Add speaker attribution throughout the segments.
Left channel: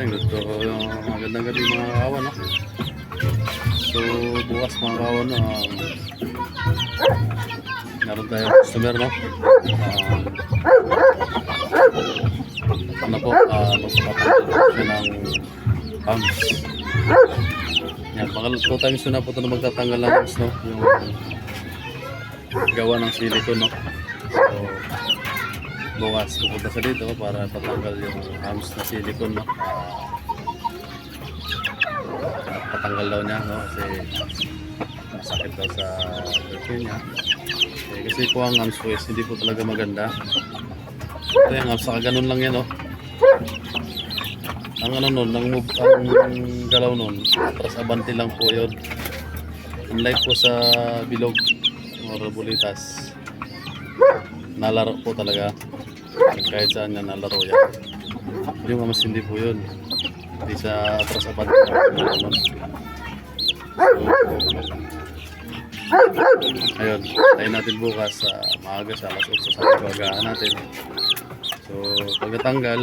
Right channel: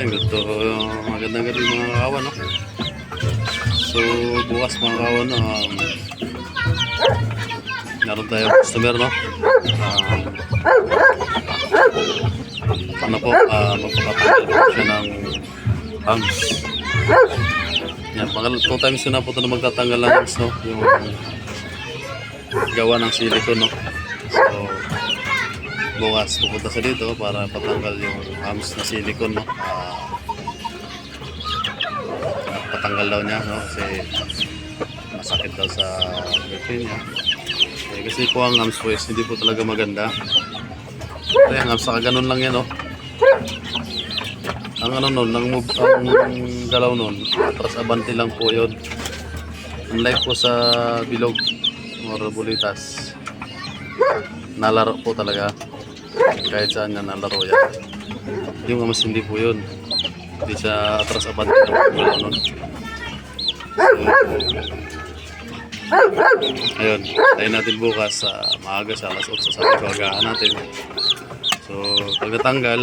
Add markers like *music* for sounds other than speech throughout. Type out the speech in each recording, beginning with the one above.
Speaker 1: Yan, gusto magandang gabi mga kawan, no? So, bukas mga kawan? Um, meron tayong customer, no? Um, ano po, uh, magpapatanggal po siya ng hams. Yan, pangal, two times yun na po ito na magtatanggal ng no? Yung gawa ng silicone, no? Bukas pupunta sa dito para patanggal yung hams na silicone, no? Ah, patanggal daw niya, no? Kasi masakit daw sa girlfriend niya. Eh, kasi po ang hams po is hindi po talaga maganda. Kaya ang hams, saka ganun lang yan, no? Ang ano nun, ang, ang galaw nun, atras abante lang po yun. Unlike po sa bilog or bulitas, nalaro po talaga. Kahit saan na nalaro yan. Yung mas hindi po yun. Hindi sa atras galaw nun. Ayun, tayo natin bukas sa maaga sa alas 8 sa agahan natin. So, pag natanggal,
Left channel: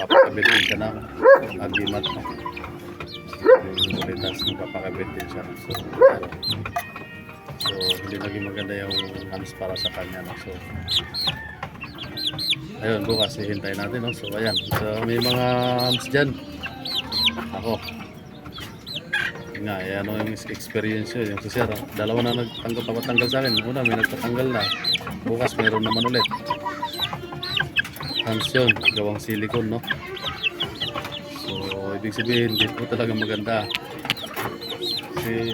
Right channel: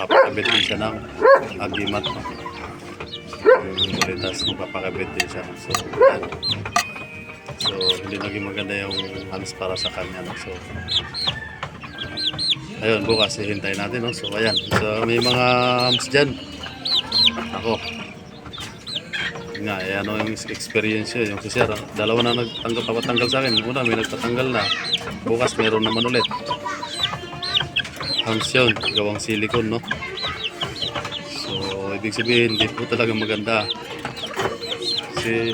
Speaker 1: papakabit din siya ng agimat. No? Yung bulitas, papakabit din siya. So, yan. So, hindi naging maganda yung halos para sa kanya. No? So, ayun, bukas hihintayin natin. No? So, ayan. So, may mga hams dyan. Ako. Nga, eh, ano yung experience yun. Yung si Sir, ah, dalawa na nagtanggal, papatanggal sa akin. Una, may nagtatanggal na. Bukas, meron naman ulit. Hams yun, gawang silicone, no? So, ibig sabihin, hindi po talaga maganda. Kasi,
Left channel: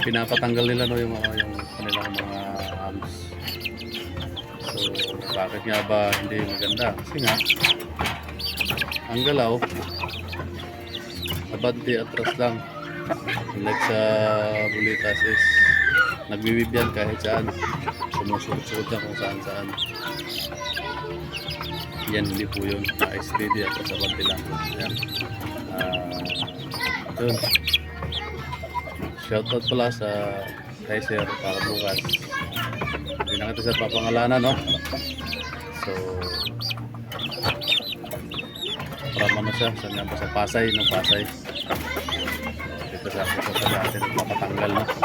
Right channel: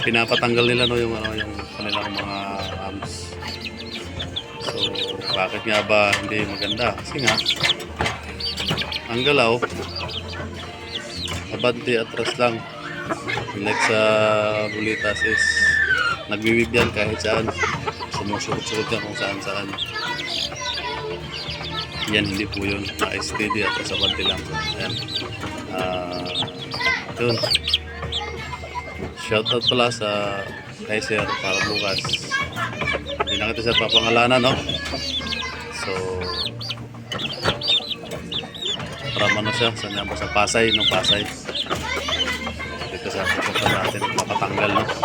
Speaker 1: pinapatanggal nila, no, yung, ano, yung kanilang mga bakit nga ba hindi maganda? Kasi nga, ang galaw, abante atras lang. Unlike sa bulitas is, nagbiwib yan kahit saan. Sumusuot-suot yan kung saan saan. Yan hindi po yun. Na-steady at sa bante lang. Yan ah yun. Shoutout pala sa kay sir para bukas. Hindi na kita sa papangalanan no so para ano siya saan yan ba sa Pasay no Pasay dito sa pupunta natin mapatanggal no so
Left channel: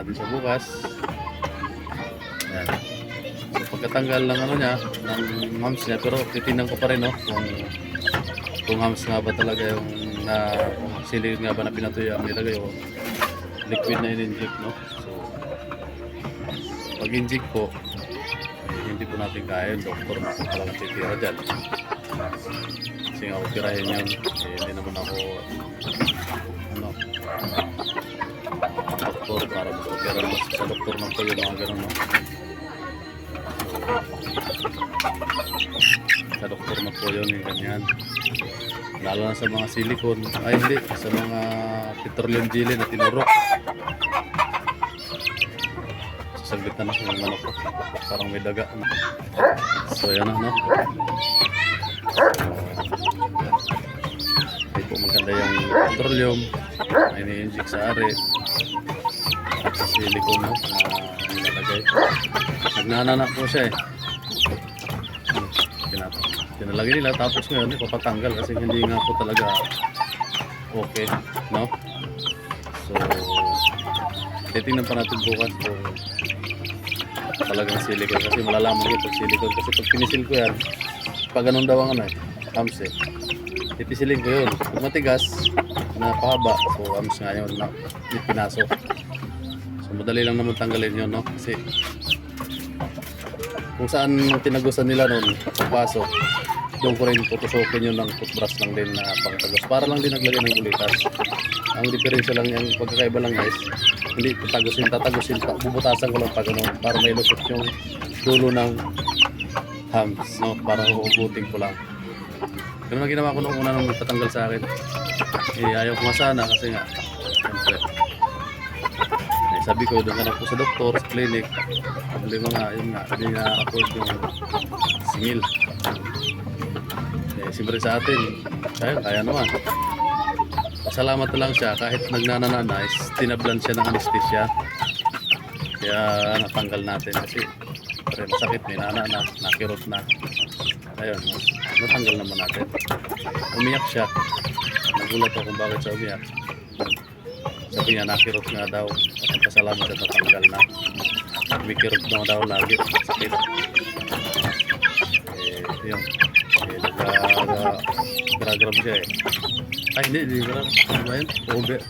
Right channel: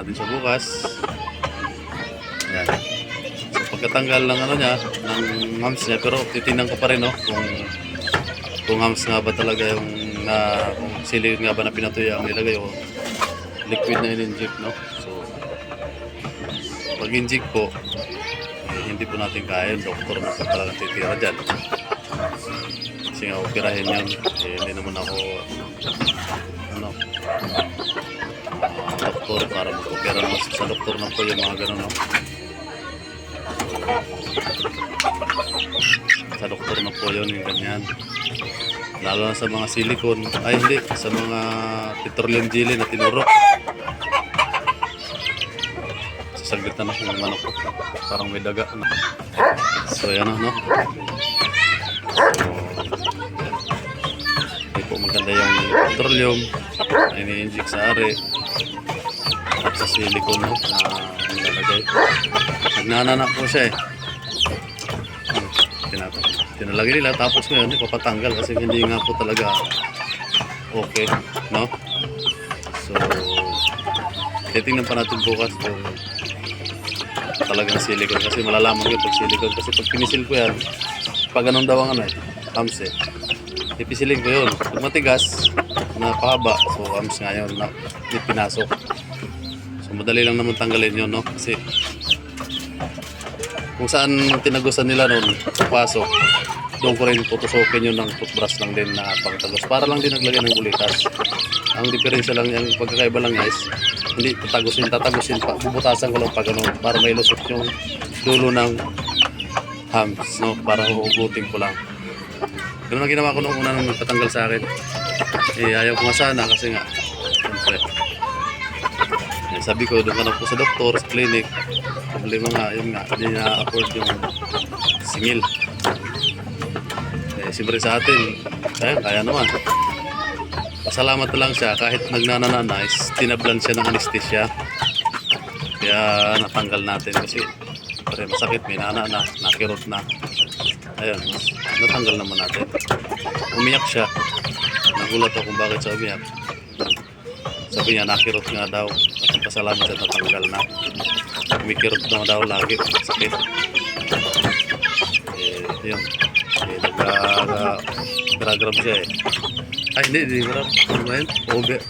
Speaker 1: natin siya bukas. Yan. So pagkatanggal ng ano niya, ng hams niya, pero titingnan ko pa rin no, kung kung hams nga ba talaga yung na kung sili nga ba na pinatuya ang nilagay o liquid na in-inject no. So pag inject po, hindi po natin kaya yung doktor na po talagang titira dyan. Kasi nga operahin yan, eh, hindi naman ako ano, doktor para mag-opera naman sa doktor na po yung mga ganun, no? Sa doktor na po yun, yung ganyan. Lalo na sa mga silicone, ay hindi, sa mga petroleum jelly na tinurok. Sasaglit na na yung manok. Parang may daga. No? So, yan na, no? So, hindi po maganda yung petroleum na ini-inject sa ari at sa silicone no, na nilalagay. Nagnanana po siya eh. Hmm, tinalagay nila tapos ngayon ipapatanggal kasi hindi nga po talaga okay, no? So, titingnan pa natin bukas kung talagang silicone kasi malalaman ko pag silicone kasi pag pinisil ko yan pag ganun daw ang ano eh, hams eh ipisilin ko yun pag matigas na so hams nga yun na pinasok So madali lang naman tanggalin yun, no? Kasi kung saan tinagusan nila noon, pasok, doon ko rin putusokin yun ng toothbrush lang din na pangtagos. Para lang din naglagay ng bulitas. Ang diferensya lang, ang pagkakaiba lang guys, hindi tatagusin, tatagusin pa, bubutasan ko lang pa ganun para may lusot yung dulo ng hams, no? Para huhugutin ko lang. Ganun ang ginawa ko nung una nung nagpatanggal sa akin. Eh, ayaw ko nga sana kasi nga, siyempre, eh, sabi ko, doon ka na po sa doktor, sa clinic. Problema nga, yun nga, hindi na-afford yung singil. Eh, siyempre sa atin, kaya, kaya naman. Pasalamat lang siya, kahit nagnanana is tinablan siya ng anesthesia. Kaya natanggal natin kasi Siyempre, masakit, may nana na, nakirot na. Ayun, natanggal naman natin. Umiyak siya. Nagulat ako kung bakit siya umiyak. Sabi niya, nakirot nga daw. At ang pasalamat siya natanggal na. Umikirot na daw lagi. Sakit. Eh, yun. Eh, nag-grab siya eh. Ay, hindi, hindi grab. Ano ba yun? Over.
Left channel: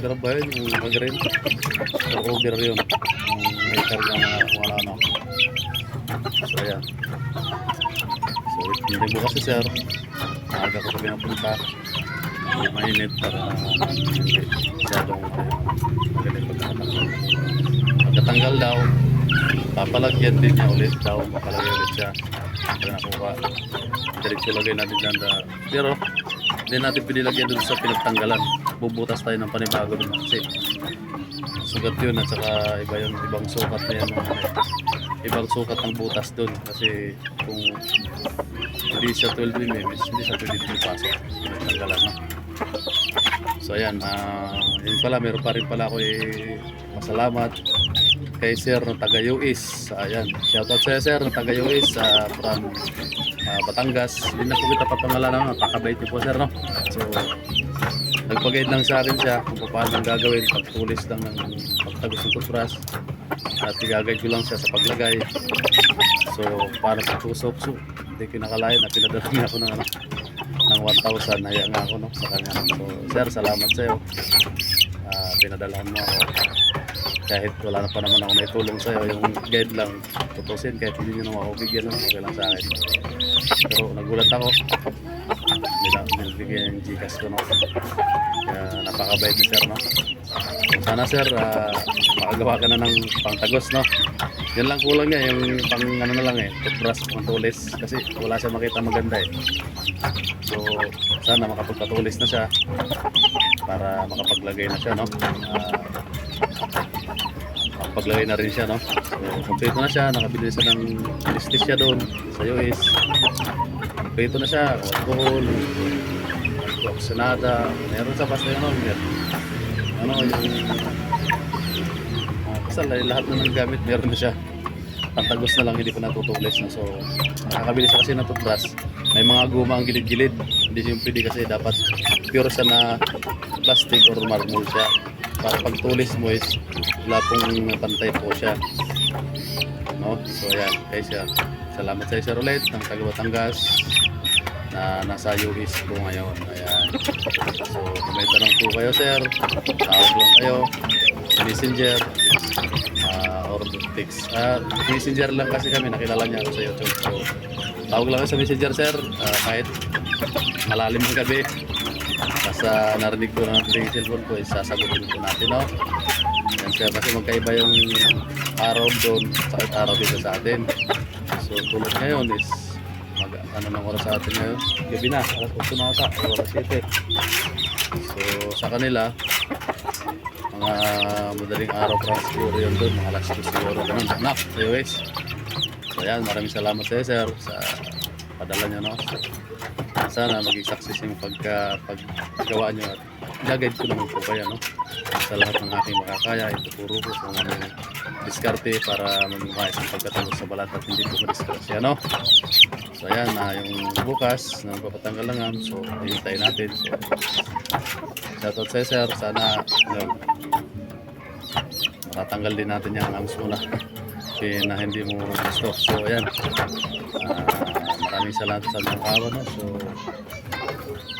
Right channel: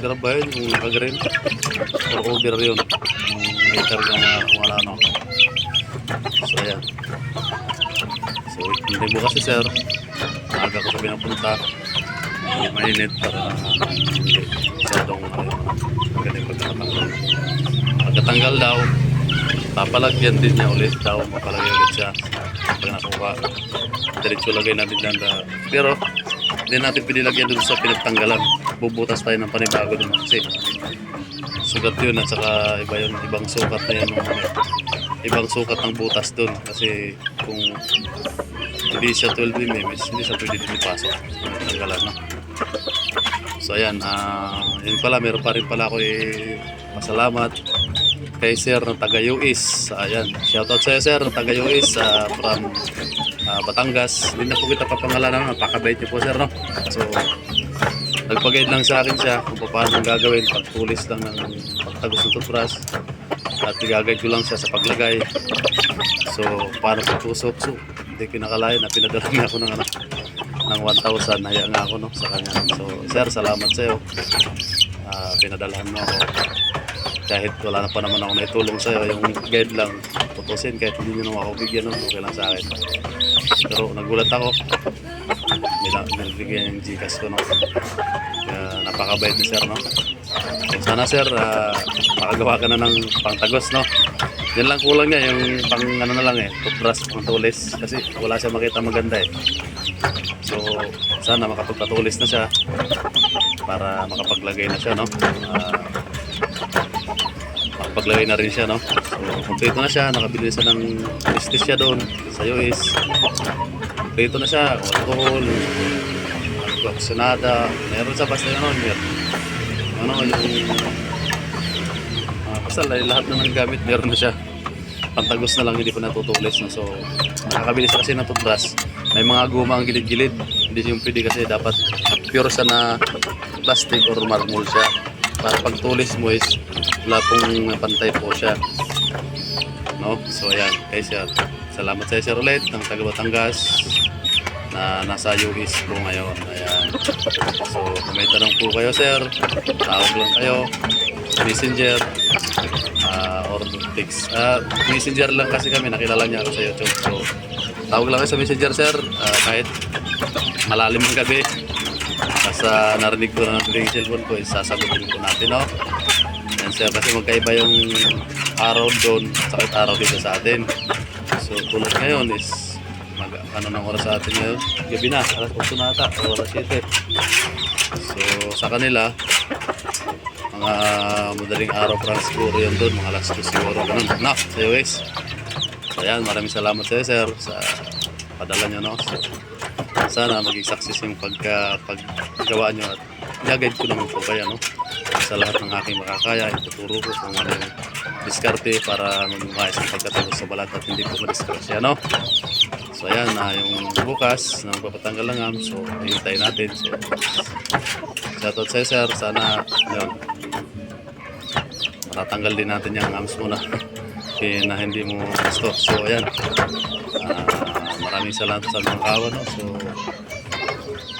Speaker 1: Grab ba yun? Yung nag-green? Or over yun. Yung may karga mga kung ano ano. So, ayan. So, hindi bukas si sir. Maaga ko sabi napunta. Hindi mainit para hindi masyadong ayun, magaling pagkakatanggal. Pagkatanggal daw, papalagyan din niya ulit daw. Papalagyan ulit siya. Pag nakuha, diretso lagay natin dyan. Da. Pero, hindi natin pinilagyan dun sa pinagtanggalan. Bubutas tayo ng panibago dun kasi sugat yun at saka iba yun, ibang sukat na yan. no? Ibang sukat ng butas dun kasi kung hindi siya 12 mm, hindi siya pwede din ipasok. Pinagtanggalan, no? So ayan, ah yun pala, meron pa rin pala ako eh, masalamat kay Sir ng taga UIS. Ayan, shoutout sa Sir ng taga UIS ah, from ah, Batangas. Hindi na po kita papangalanan, napakabait niyo po Sir, no? So, nagpag-guide lang sa akin siya kung paano gagawin, pagtulis lang ng pagtagos ng toothbrush at i-guide ko lang siya sa paglagay. So, paano pagtusok? So, hindi ko na pinadala niya ako ng ano, ng 1,000 naya nga ako no sa kanya so sir salamat sa iyo pinadalahan mo ako kahit wala na pa naman ako naitulong sa iyo yung guide lang tutusin kahit hindi nyo naman ako bigyan no? okay lang sa akin pero nagulat ako. Nilbigyan yung Gcash ko no? Kaya napakabait ni sir no? Sana sir ah, makagawa ka na ng pangtagos no? Yan lang kulang niya yung pang ano na lang eh toothbrush pang tulis kasi wala siya makita maganda eh. So, sana makapagpatulis na siya para makapaglagay na siya, no? Ah, makapaglagay na rin siya, no? So, kompleto na siya. Nakabili siya ng anesthesia doon sa US. Kompleto na siya. Alcohol, oxinada. Meron sa basta ano, meron. Ano, yung... ah, basta lahat na ng gamit, meron na siya pantagos na lang hindi pa natutulis no? so nakakabili siya kasi ng toothbrush may mga guma ang gilid-gilid hindi yung pwede kasi dapat pure siya na plastic or marmol siya para pag tulis mo is wala pong pantay po siya no so ayan kay sir salamat sa sir ulit ng taga Batangas na nasa US po ngayon ayan so kung may tanong po kayo sir tawag lang kayo messenger ah, or text. Ah, messenger lang kasi kami, nakilala niya ako sa YouTube. So, tawag lang kayo sa messenger, sir. Ah, kahit malalim ang gabi. Basta narinig ko na natin yung cellphone ko, isasagutin ko natin, no? Yan, sir, kasi magkaiba yung araw doon, sakit araw dito sa atin. So, tulad ngayon is mag, ano ng oras sa atin ngayon? Gabi na, alas 8 na ata, o alas 7. So, sa kanila, mga madaling araw siguro yun doon, mga alas 2 siguro, ganun. Nak, sa US. So, ayan, maraming salamat sa sir, sa padala nyo, no? So, sana maging success yung pagka, paggawa nyo at gagawin ko naman po kayo, no? Sa lahat ng aking makakaya, ituturo ko kung ano yung diskarte para maging maayos ang pagkatapos sa balat at hindi po madiskrasya, no? So, ayan, na yung bukas ng papatanggal lang am. So, hintay natin. So, shoutout sa sir. Sana, yun, matatanggal din natin yung hams muna *laughs* na hindi mo gusto. So, ayan. Ah, maraming salamat sa mga kawan. No? So,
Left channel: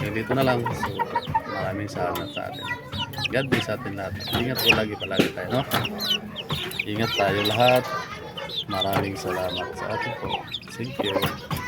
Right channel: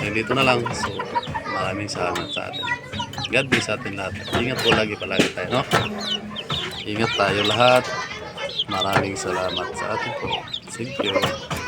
Speaker 1: dito na lang. So, maraming salamat sa atin. God bless sa atin lahat. Ingat po lagi palagi tayo. No? Ingat tayo lahat. Maraming salamat sa atin po. Thank you.